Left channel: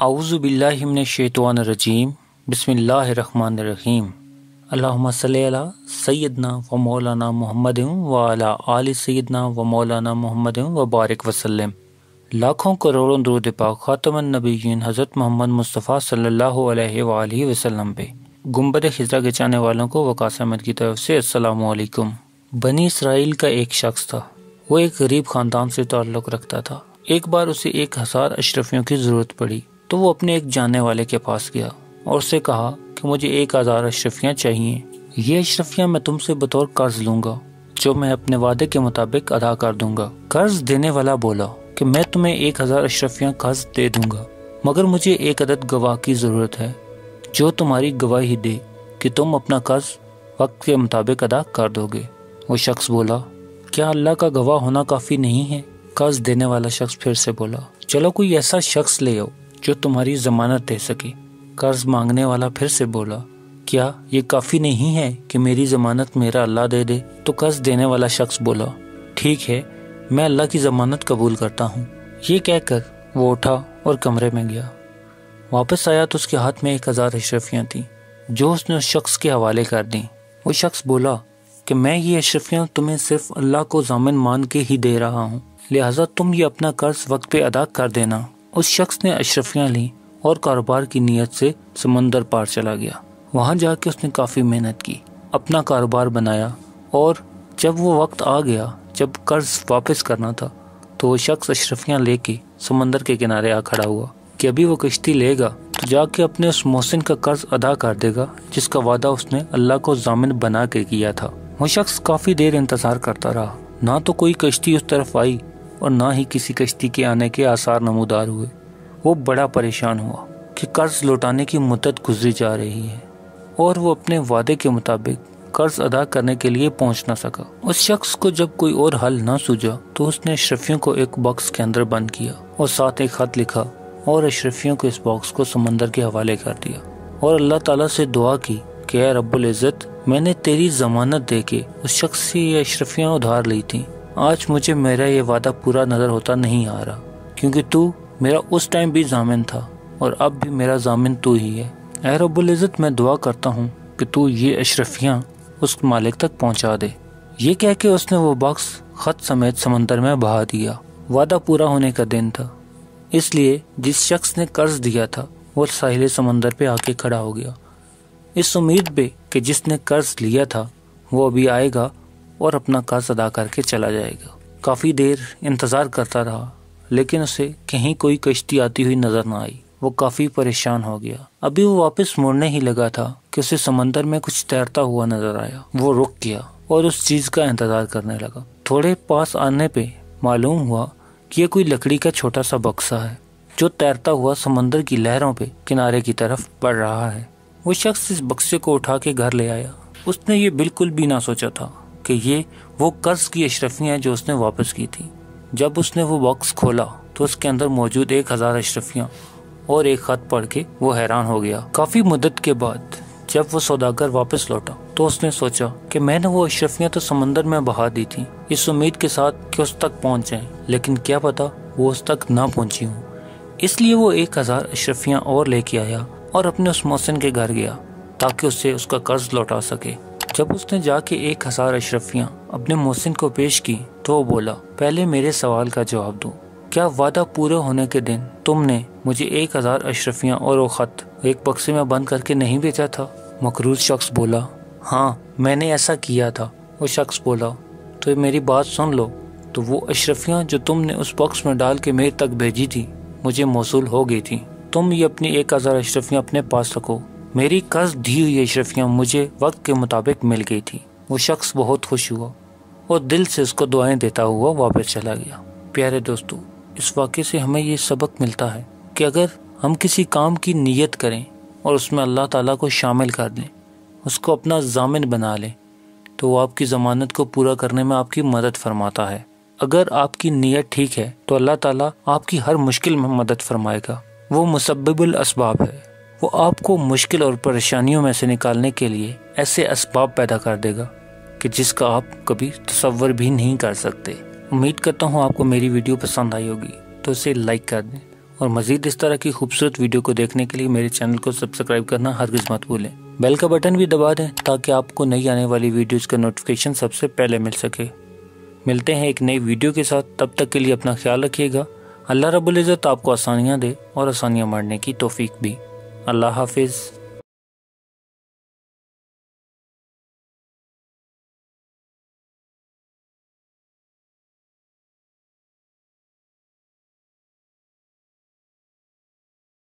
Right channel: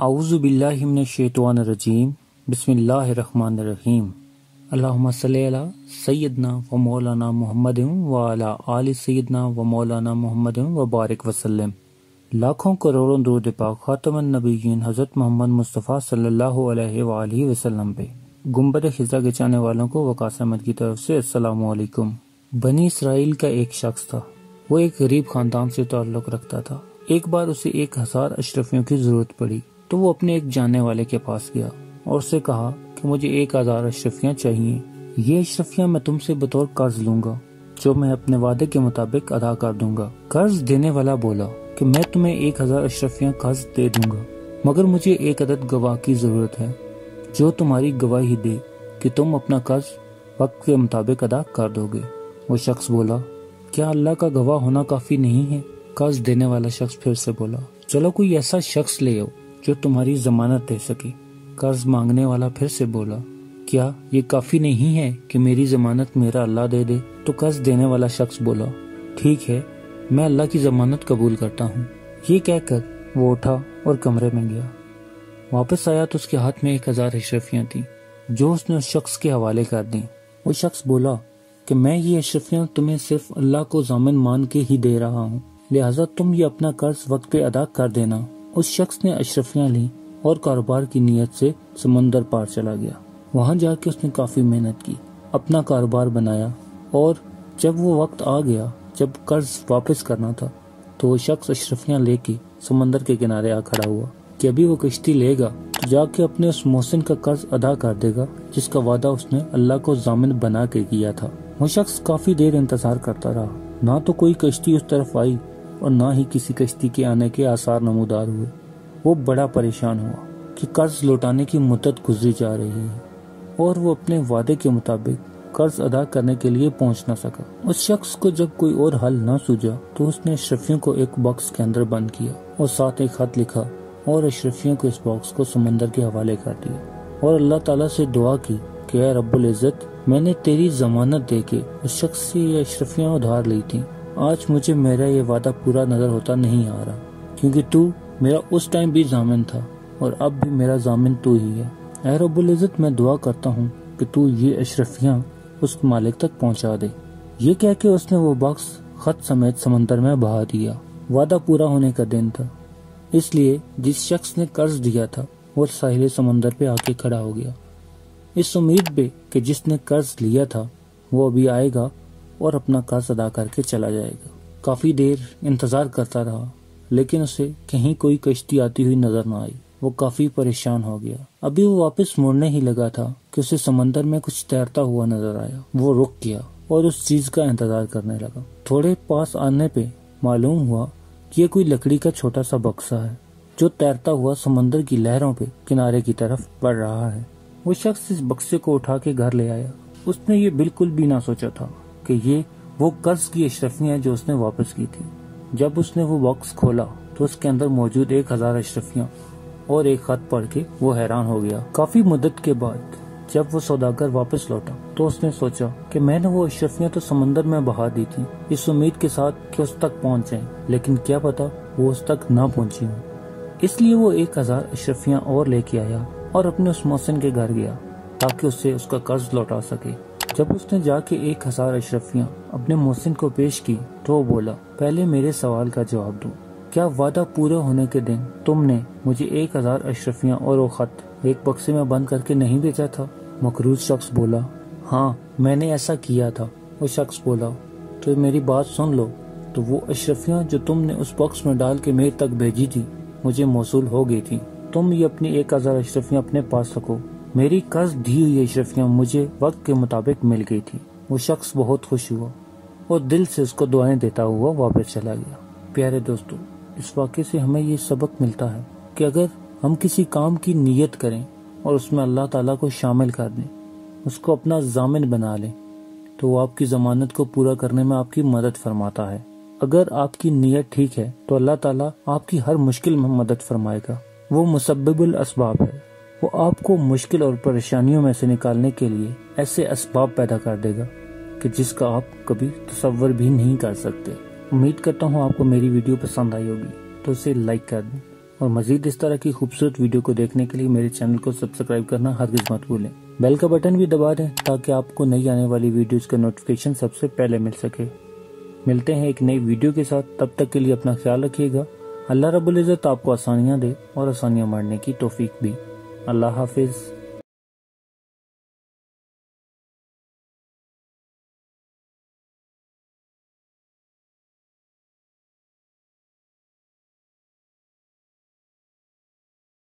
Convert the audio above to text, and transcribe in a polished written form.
اعوذ باللہ من الشیطان الرجیم بسم اللہ الرحمن الرحیم اللہم صلی علی سیدنا و مولانا محمد وعلی آل سیدنا و مولانا محمد وبارک وسلم۔ لاکھوں کروڑوں درود پاک خاتم النبیین حضرت محمد مصطفیٰ صلی اللہ علیہ وآلہ وسلم پہ۔ گنبد خضرا کے چاہنے والوں کو وقاص احمد کی طرف سے السلام علیکم۔ بنی اسرائیل کا ایک شخص تھا، وہ ایک غریب خاندان سے تعلق رکھتا تھا۔ ایک بار اسے 1000 اشرفیوں کی ضرورت پڑی تو وہ اپنے ایک جاننے والے کے پاس گیا اور اسے کہا کہ مجھے 1000 اشرفیاں چاہیے، یہ اشرفیاں میں تم سے بطور قرض لوں گا جو میں اپنے وعدے کے مطابق ادا کر دوں گا۔ قرض دینے والا بولا کہ میں تمہیں 1000 اشرفیاں قرض دے دوں گا، مگر مجھے ایک عدد گواہ کی ضرورت ہے جو تمہاری گواہی دے کہ تم اپنا قرض وقت کے مطابق ادا کر دو گے۔ وہ شخص بولا کیا اللہ کا گواہ ہونا کافی نہیں ہے؟ قرض دینے والا شخص پھر سے بولا چلو کوئی ایسا شخص لے آؤ جو تمہاری ضمانت دے سکے۔ قرض مانگنے والا پھر سے بولا کیا یہ کافی نہیں ہے کہ میری ضمانت میرا اللہ دے دے؟ تو قرض دینے والا شخص بولا ٹھیک ہے، میں اللہ کی ضمانت قبول کرتا ہوں۔ یہ کہہ کر وہ اٹھا اور کمرے میں گیا۔ واپس آیا تو اس کے ہاتھ میں 1000 اشرفیاں تھیں جو اس نے اس شخص کے حوالے کر دیں۔ وہ شخص بولا کہ میں یہ اشرفیاں تمہیں صرف اللہ کو ضامن مان کے ہی دے رہا ہوں، لہٰذا تم یہ اپنا قرض وقت پہ ادا کر دینا۔ اس شخص نے اشرفیاں لیں اور کاروبار کی نیت سے سمندر پار چلا گیا۔ وہاں جا کے اس نے کافی محنت کی، اپنا کاروبار بنایا، اور جب وہ وقت آ گیا جب قرض واپس کرنا تھا تو وہ شخص اشرفیاں لے کے سمندر کے کنارے آ کھڑا ہوا کہ ابھی وہ کشتی لے گا تو جا کے اپنے اس محسن کا قرض ادا کر دے گا جس کا وعدہ اس نے اللہ کو ضامن بنا کے کیا تھا۔ وہ شخص کافی دیر انتظار کرتا رہا، نہ تو کوئی کشتی اس طرف آئی اور نہ ہی کسی کشتی کے آنے کے آثار نمودار ہوئے۔ وہ بڑا پریشان ہوا کہ قرض لوٹانے کی مدت گزری جا رہی ہے اور وہ اپنے وعدے کے مطابق قرض ادا کرنے کے لیے پہنچ نہ سکا۔ اس شخص کو جب کوئی اور حل نہ سوجا تو اس نے اشرفیوں کو ایک باکس کے اندر بند کیا اور ساتھ ایک خط لکھا اور اشرفیوں کو اس باکس کو سمندر کے حوالے کر دیا اور اللہ تعالیٰ سے دعا کی کہ اے رب العزت، میں نے تیری ضمانت دے کے اس شخص سے یہ اشرفیاں ادھار لی تھیں، آج مجھے میرا یہ وعدہ پورا نظر ہوتا نہیں آ رہا کیونکہ تو میرا اس ٹائم بھی ضامن تھا اور اب بھی میرا ضامن تو ہی ہے۔ اے رب العزت، میں دعا کرتا ہوں کہ تو یہ اشرفیاں اس مالک تک پہنچا دے۔ یہ کہہ کے اس نے وہ باکس خط سمیت سمندر میں بہا دیا۔ وعدہ پورا ہونے کا دن تھا، اس لیے جس شخص نے قرض دیا تھا وہ ساحل سمندر پہ آ کے کھڑا ہو گیا، اس امید پہ کہ جس نے قرض لیا تھا وہ ابھی آئے گا اور اپنا قرض ادا کر کے چلا جائے گا۔ کافی دیر انتظار کرتا رہا لیکن اسے کہیں کوئی کشتی آتی ہوئی نظر نہ آئی۔ وہ کافی پریشان ہو گیا۔ ابھی وہ واپس مڑنے ہی لگا تھا کہ اسے سمندر میں کچھ تیرتا ہوا نظر آیا۔ وہ رک گیا اور اس چیز کا انتظار کرنے لگا۔ تھوڑے پاس آنے پہ معلوم ہوا کہ یہ کوئی لکڑی کا چھوٹا سا بکسا ہے جو تیرتا ہوا سمندر کی لہروں پہ کنارے کی طرف بڑھ رہا ہے۔ وہ شخص اس بکسے کو اٹھا کے گھر لے آیا۔ اس نے یہ بالکل بھی نہ سوچا تھا کہ یہ وہ قرض کی اشرفیاں جو اس نے واپس کی تھی۔ جب اس نے وہ باکس کھولا تو اس کے اندر موجود 1000 اشرفیاں اور ایک خط پڑھ کے وہ حیران ہو گیا۔ کافی مدت کے بعد جب وہ سوداگر واپس لوٹا تو اس نے سوچا کہ میں نے وہ اشرفیاں تو سمندر میں بہا دی تھیں اس امید کے ساتھ کہ اس تک پہنچ جائیں، لیکن کیا پتا وہ اس تک نہ پہنچی ہوں۔ اس لیے وہ 1000 اشرفیاں اور لے کے آیا اور اپنے اس محسن کے گھر گیا تاکہ اسے اس کا قرض لوٹا سکے۔ جب اس نے جا کے 1000 اشرفیاں اپنے محسن کو پیش کی تو وہ بولا پہلے میرے سوال کا جواب دو، کیا وعدہ پورا ہونے کے دن تم نے مجھے 1000 اشرفیاں اور وہ خط ایک بکسے میں بند کر کے نہیں بیچا تھا؟ مکروز شخص بولا ہاں میں نے ایسا کیا تھا۔ وہ شخص بولا تو میری بات سن لو، تو وہ اشرفیاں جو تم نے اس باکس میں ڈال کے میرے تک بھیجی تھی مجھے موصول ہو گئی تھی، تم یہ اپنی 1000 اشرفیاں اپنے پاس رکھو، میری قرض دی ہوئی اشرفیاں مجھے وقت کے مطابق مل گئی تھی۔ وہ شخص بہت خوش ہوا اور دل سے اس کو دعائیں دیتا ہوا واپس چلا گیا۔ پیارے دوستو، اس واقعے سے ہمیں یہ سبق ملتا ہے کہ اگر ہم کسی کام کی نیت کریں اور اس میں اللہ تعالیٰ کو شامل کر دیں، اس کو اپنا ضامن بنا لیں، تو وہ آپ کی ضمانت کو پورا کرنے میں آپ کی مدد فرماتا ہے۔ اگر آپ کی نیت ٹھیک ہے تو اللہ تعالیٰ آپ کی ہر مشکل میں مدد فرمائے گا۔ وہ مسبب الاسباب ہے، وہ آپ کو مشکل اور پریشانیوں میں سے نکالنے کے لیے ایسے اسباب پیدا کر دے گا کہ جس کا آپ کبھی تصور بھی نہیں کر سکتے۔ امید کرتا ہوں آپ کو میری ویڈیو پسند آئی ہوگی تو اسے لائک کر دیں اور مزید اس طرح کی خوبصورت ویڈیو کو دیکھنے کے لیے میرے چینل کو سبسکرائب کرنا ہرگز مت بھولیں۔ بیل کا بٹن بھی دبا دیں تاکہ آپ کو نئی آنے والی ویڈیوز کا نوٹیفیکیشن سب سے پہلے مل سکے۔ ملتے ہیں ایک نئی ویڈیو کے ساتھ، تب تک کے لیے اپنا خیال رکھیے گا۔ اللہ رب العزت آپ کو آسانیاں دے اور آسانیاں مارنے کی توفیق بھی۔ اللہ حافظ۔